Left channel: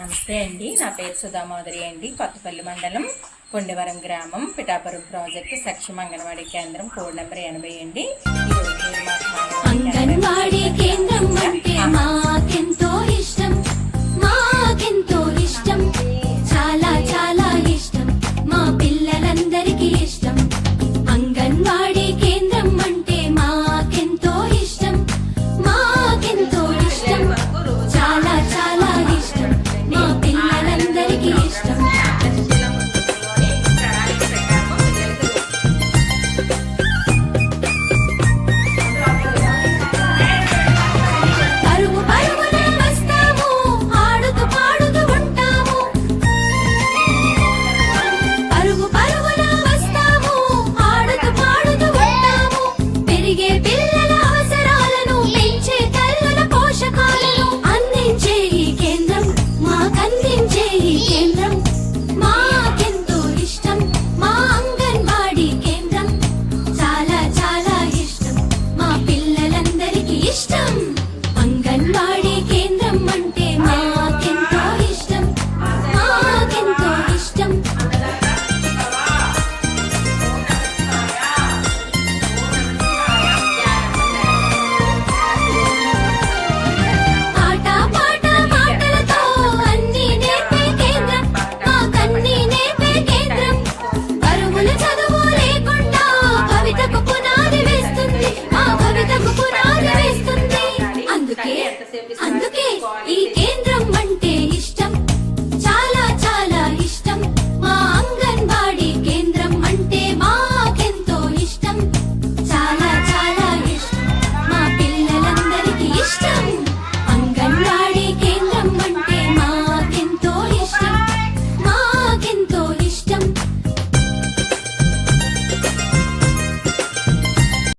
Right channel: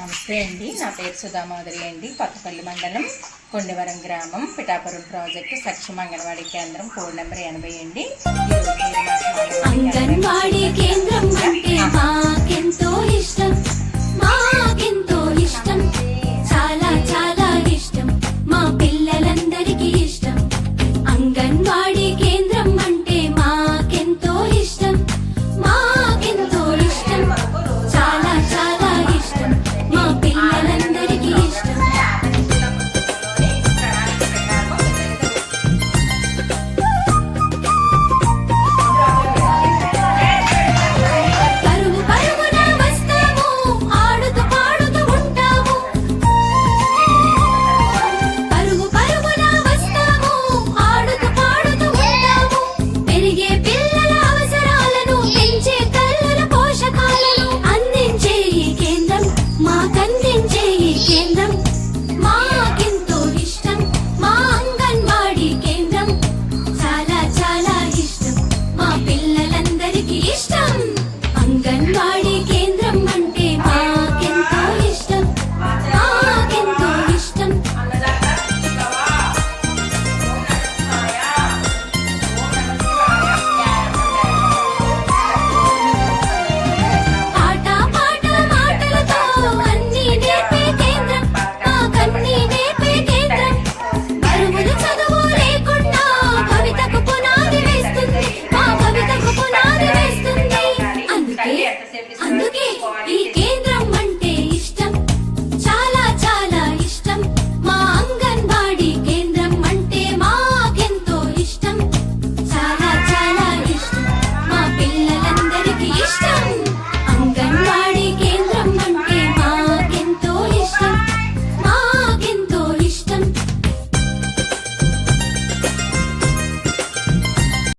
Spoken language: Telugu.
నమస్తే అండి. నా పేరు సుధామాధురి అండి. కొత్తపల్లి మండలం కొండవరం గ్రామం పిఠాపురం ప్రాజెక్టు సక్షమ అంగన్వాడీ కేంద్రం కోడ్ నెంబర్ 80 అండి. ఈరోజు మీరు మాకు అంగన్వాడీ కేంద్రం